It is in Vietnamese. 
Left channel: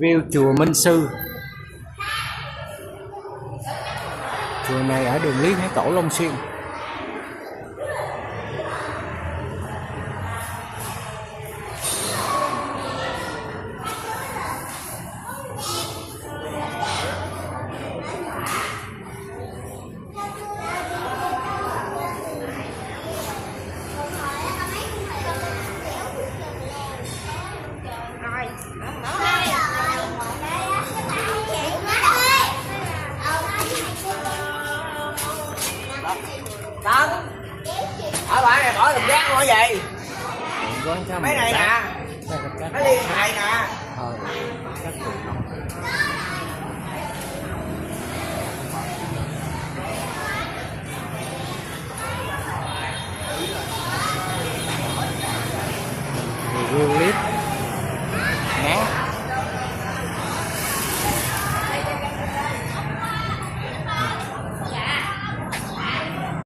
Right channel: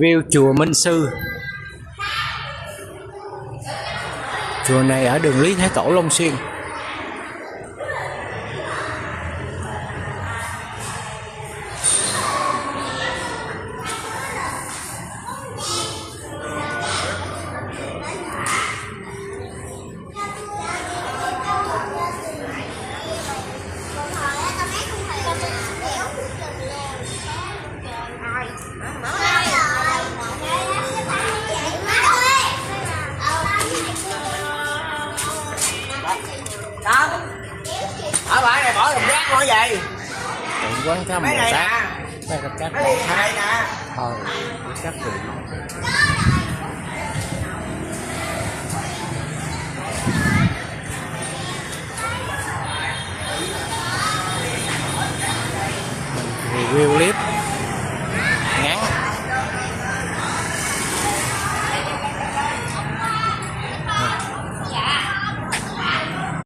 Review chùa Minh Sư. Chùa này ở đường Lý Thái Tổ, Long Xuyên. Không. Ở bãi này bỏ thùng rác nữa vậy? Quán cá mấy này nè. Mấy Mấy ly này nè. các